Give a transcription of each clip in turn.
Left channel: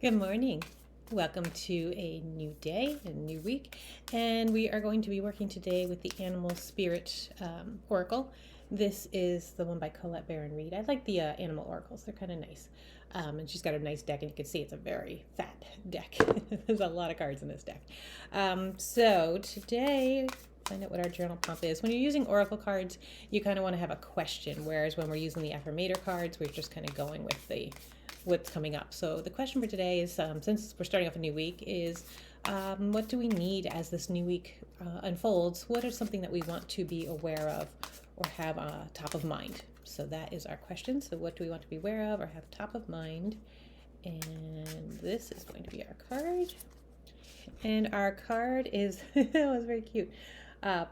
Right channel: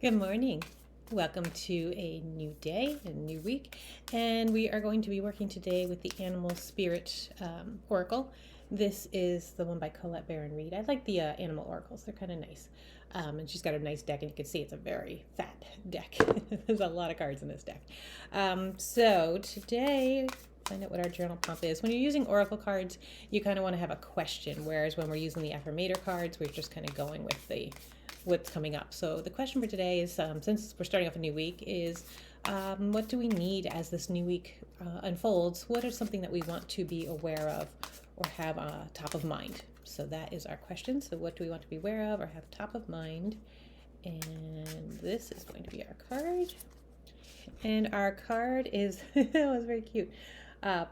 Good morning. Welcome to a new day, a new week, and we are going to be working today with the Animal Spirit Oracle. This is the one by Colette Baron Reed. I like the animal oracles, they're kind of nice. And she's got a nice deck, and you can see it's a very fat deck. There's a lot of cards in this deck. So today, find out what our journal prompt is. When you're using oracle cards, you kind of want to have a question, whereas when we're using the affirmator cards, we're just kind of going with the what's coming up. So the question for today is, since we're starting off a new week, is what do we need as this new week unfolds? What is something that we want to be aware of or have top of mind? So that is our question. So what do we want to be aware of or have top of mind? And this is going to be our card. And our card is, it was very cute,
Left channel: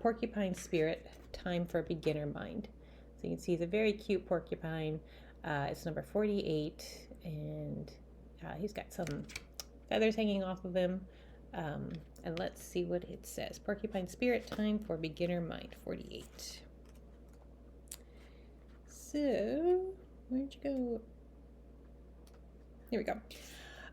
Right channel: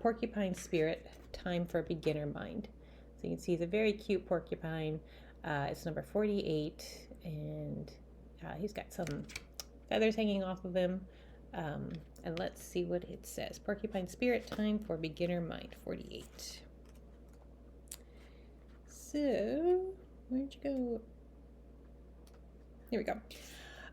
Porcupine Spirit, Time for Beginner Mind. So you can see it's a very cute porcupine. It's number 48, and he's got some feathers hanging off of him. And let's see what it says. Porcupine Spirit, Time for Beginner Mind, 48. So, where'd you go? Here we go.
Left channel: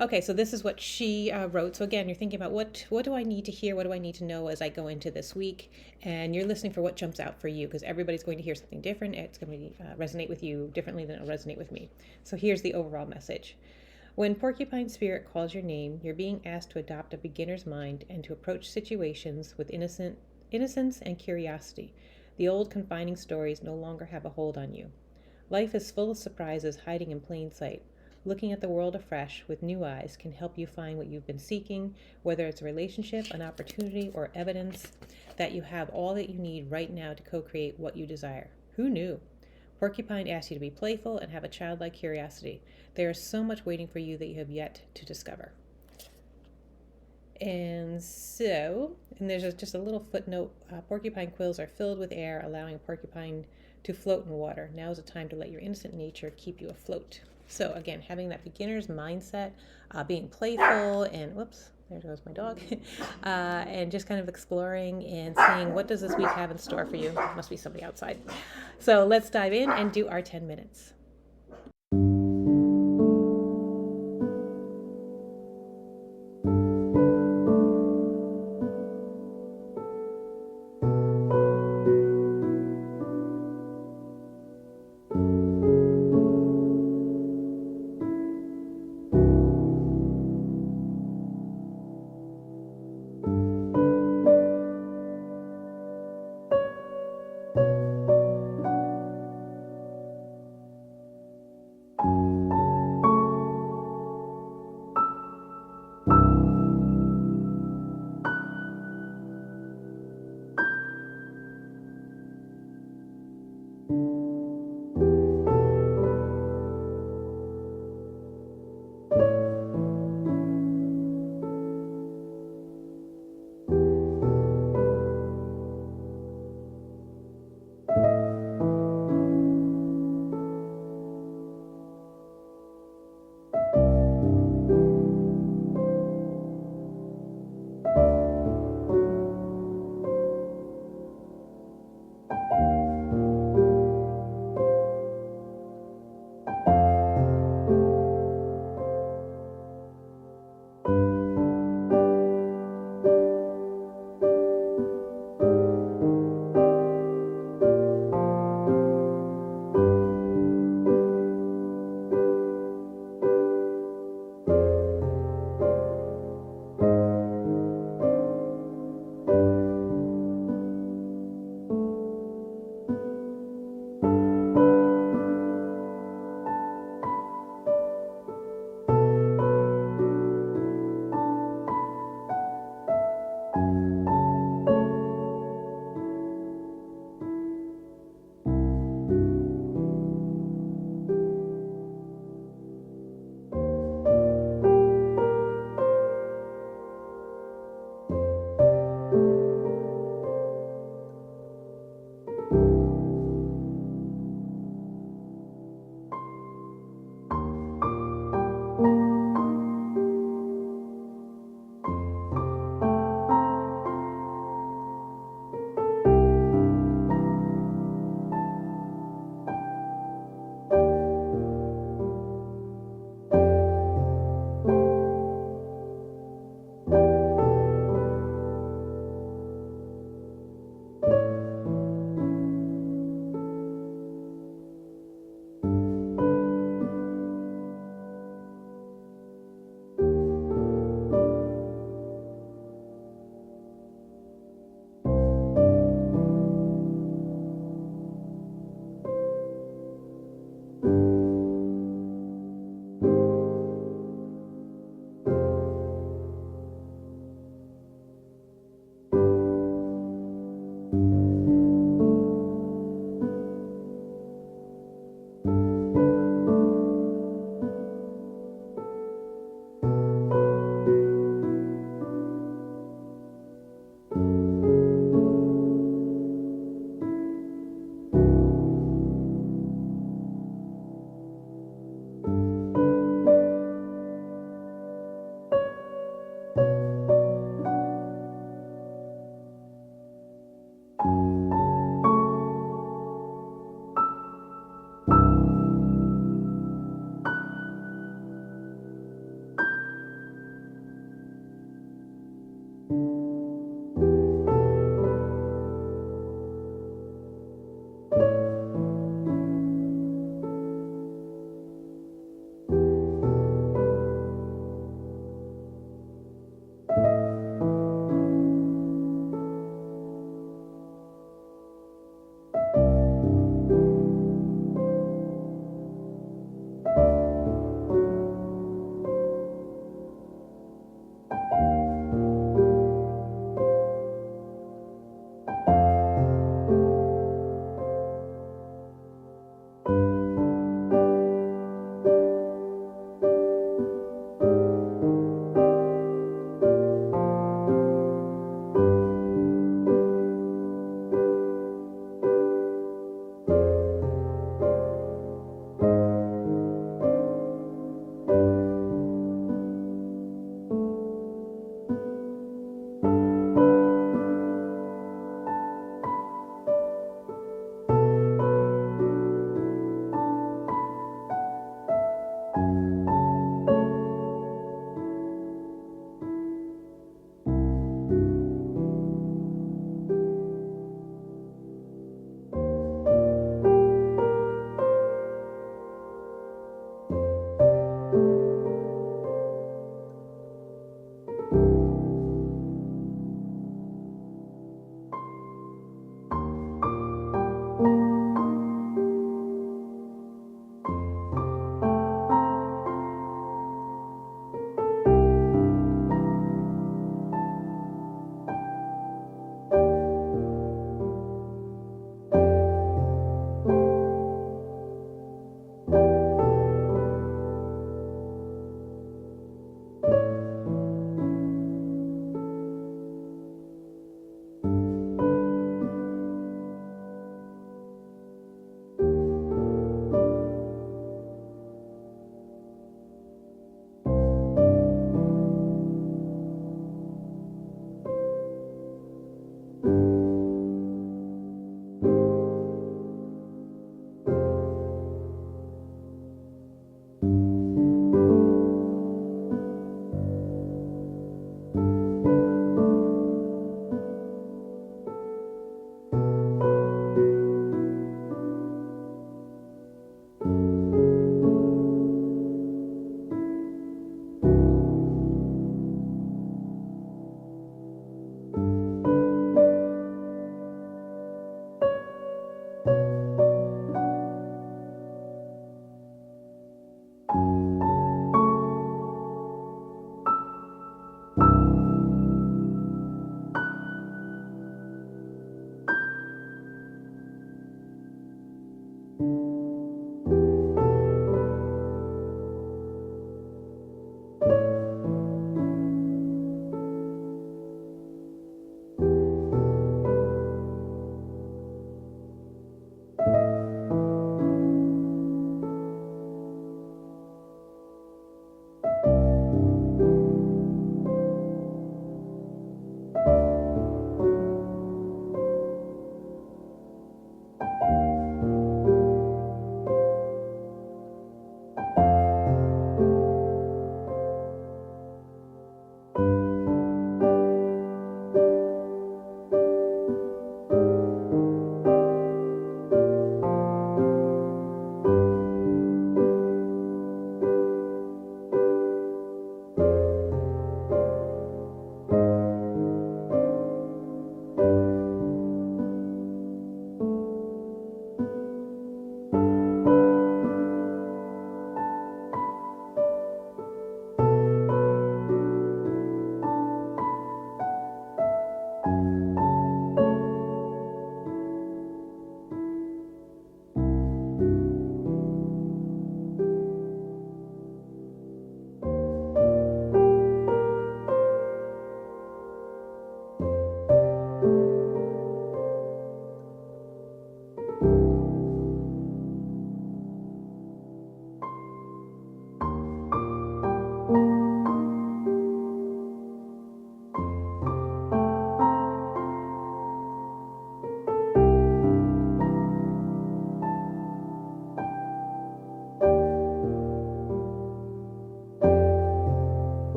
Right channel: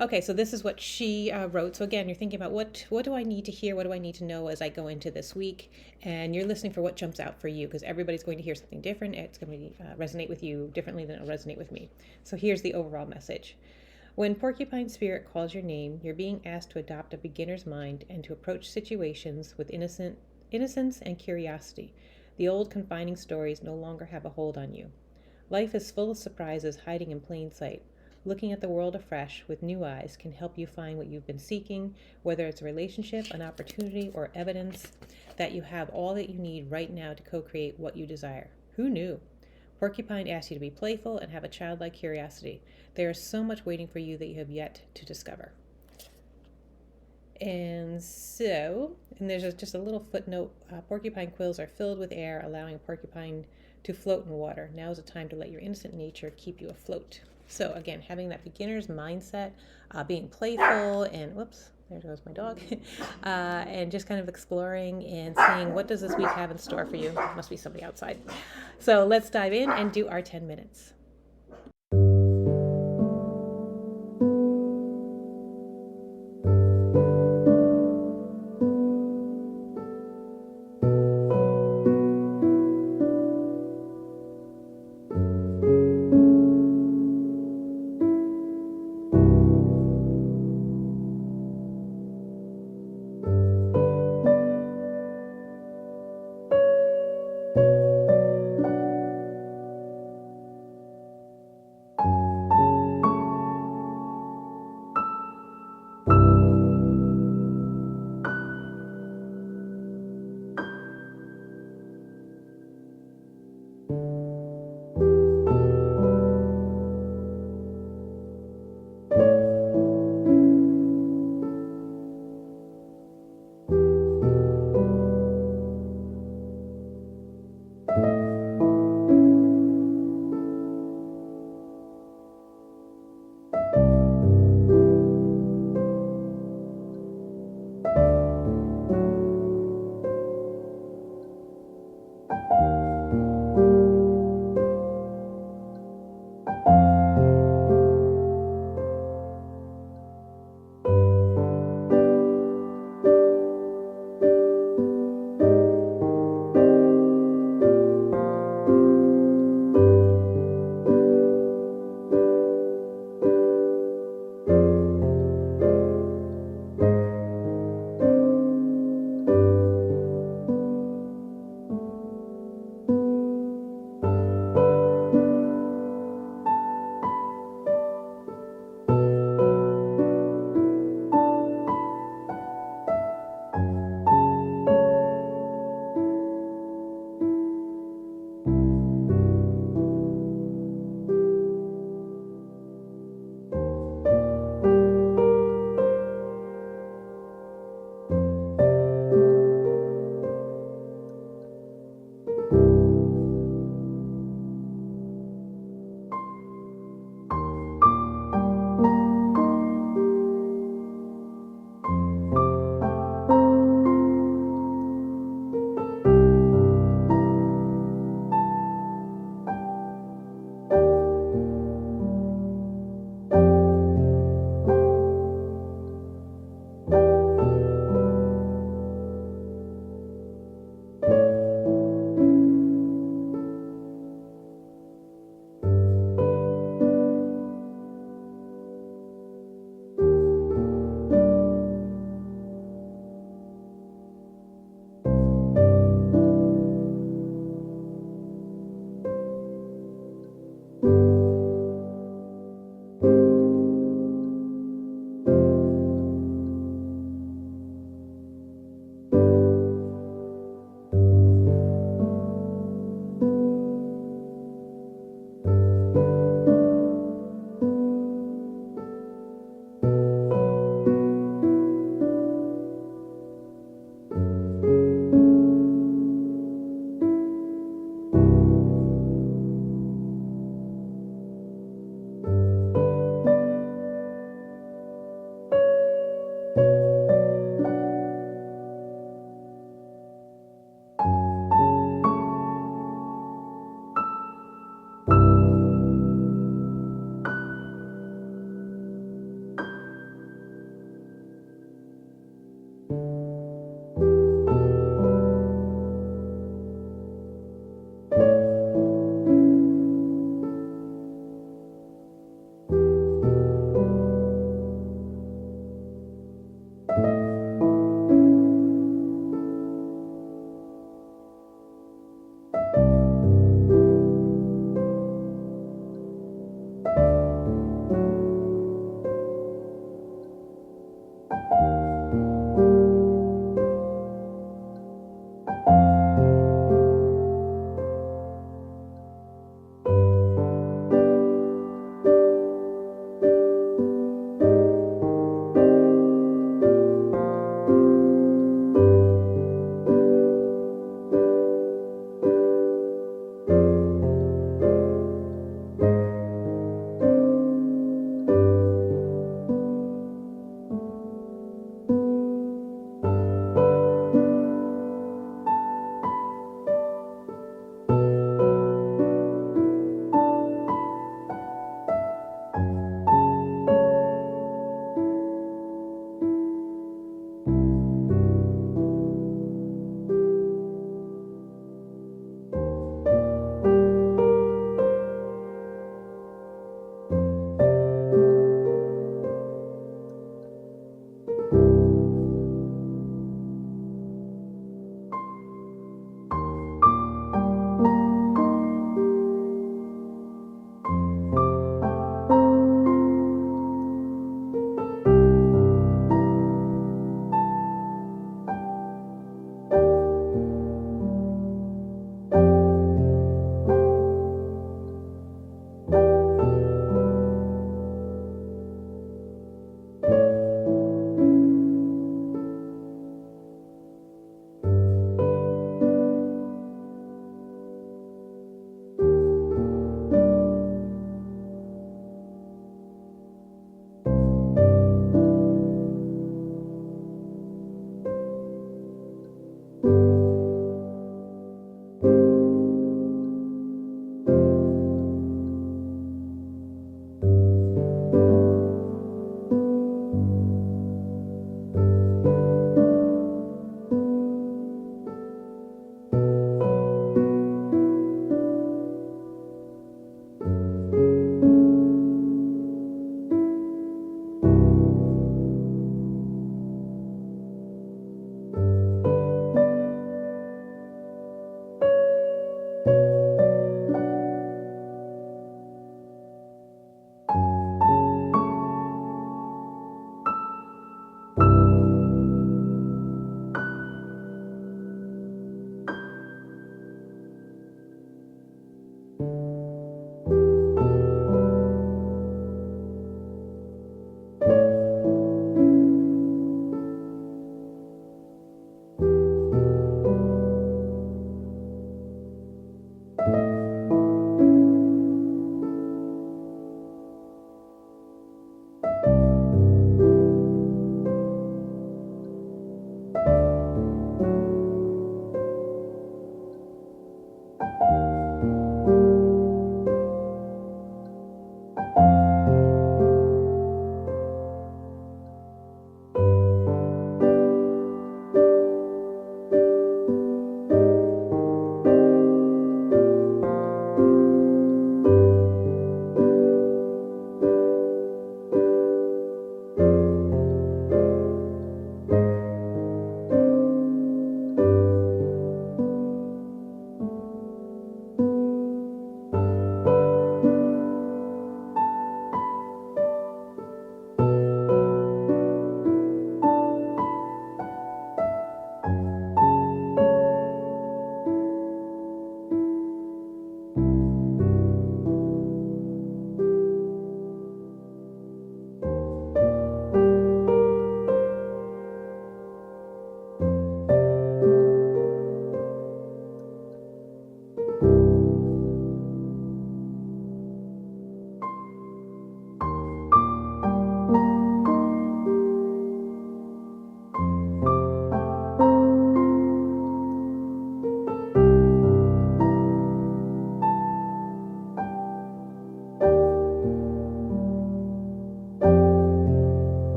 Okay, so this is what she wrote. So again, you're thinking about what do I need to hear? What do I need to know as I go into this week? And you're listening for what jumps out for you, because everybody's going to hear something different. It's going to resonate with you differently than it'll resonate with me. So here's the overall message. When Porcupine Spirit calls your name, you're being asked to adopt a beginner's mind and to approach situations with innocence and curiosity. The old confining stories no longer have a hold on you. Life is full of surprises hiding in plain sight. Looking at the world afresh with new eyes can help you find what you've been seeking, whether it's a relationship, an opportunity, or evidence that you have all that you need right now to co-create what you desire. Who knew? Porcupine asks you to be playful and have a childlike curiosity. There is so much waiting for you that you have yet to discover. And there's just a little footnote. Porcupine quills are filled with air, allowing a porcupine to float in water. Now is the time to let your innocent nature keep you afloat. So again, having that beginner's mindset, being playful, and whoops, there goes my dog, and just kind of exploring and seeing what does this week have in store for you. Must be somebody outside. So let's dive in and do our 10 minutes.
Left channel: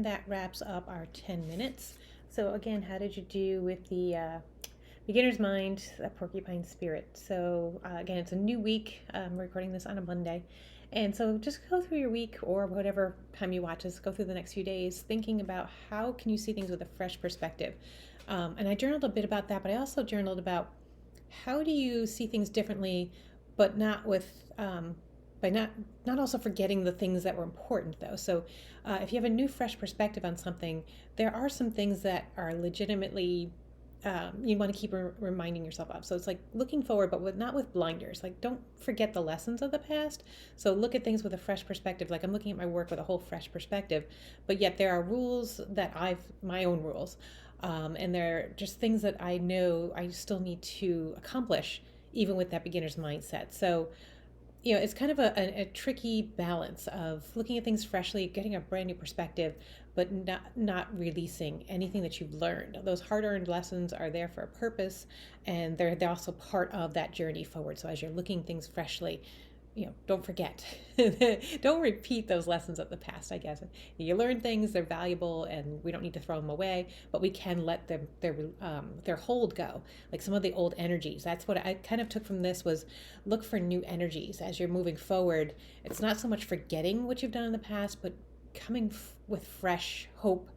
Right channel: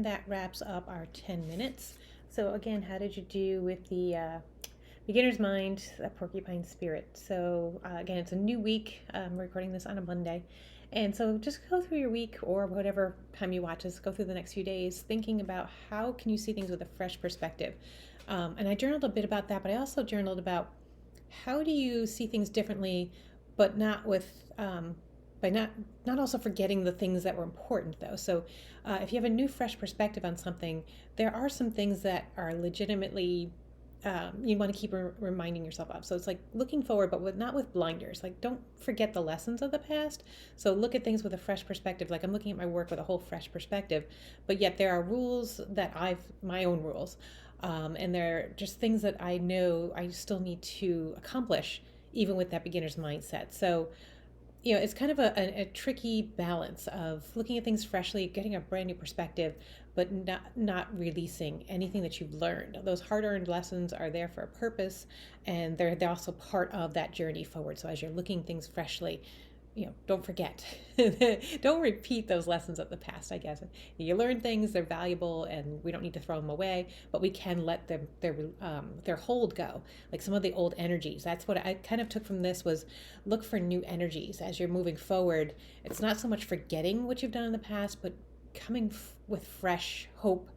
and that wraps up our 10 minutes. So again, how did you do with the beginner's mind, a porcupine spirit? So again, it's a new week. I'm recording this on a Monday. And so just go through your week, or whatever time you watch this, go through the next few days thinking about how can you see things with a fresh perspective. And I journaled a bit about that, but I also journaled about how do you see things differently, but not with by not also forgetting the things that were important though. So if you have a new fresh perspective on something, there are some things that are legitimately you want to keep reminding yourself of. So it's like looking forward, but not with blinders. Like, don't forget the lessons of the past. So look at things with a fresh perspective. Like, I'm looking at my work with a whole fresh perspective, but yet there are rules that my own rules. And they're just things that I know I still need to accomplish, even with that beginner's mindset. So it's kind of a tricky balance of looking at things freshly, getting a brand new perspective, but not releasing anything that you've learned. Those hard-earned lessons are there for a purpose, and they're also part of that journey forward. So as you're looking things freshly, don't forget. Don't repeat those lessons of the past, I guess. You learn things, they're valuable, and we don't need to throw them away, but we can let them their hold go. Like some of the old energies. That's what I kind of took from this, was look for new energies as you're moving forward. It's not so much forgetting what you've done in the past, but coming with fresh hope,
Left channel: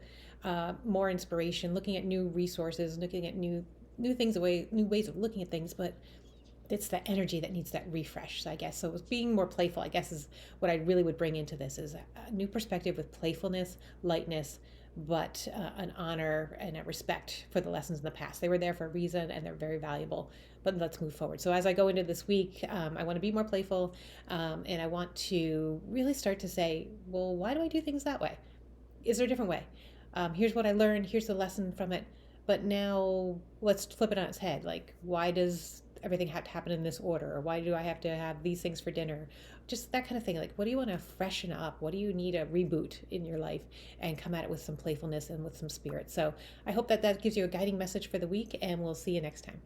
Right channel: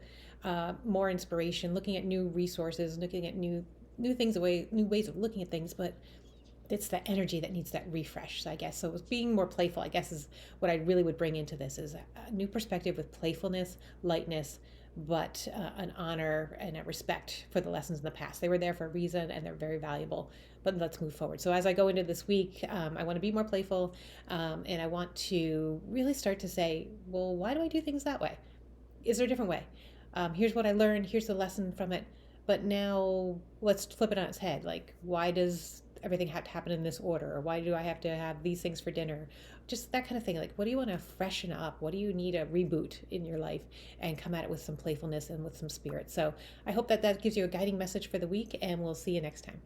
more inspiration, looking at new resources, looking at new things, new ways of looking at things, but it's that energy that needs that refresh. So I guess, so it was being more playful, I guess, is what I really would bring into this, is a new perspective with playfulness, lightness, but an honor and a respect for the lessons in the past. They were there for a reason, and they're very valuable, but let's move forward. So as I go into this week, I want to be more playful, and I want to really start to say, well, why do I do things that way? Is there a different way? Here's what I learned, here's the lesson from it, but now let's flip it on its head. Like, why does everything have to happen in this order? Or why do I have to have these things for dinner? Just that kind of thing. Like, what do you want to freshen up? What do you need a reboot in your life? And come at it with some playfulness and with some spirit. So I hope that gives you a guiding message for the week, and we'll see you next time.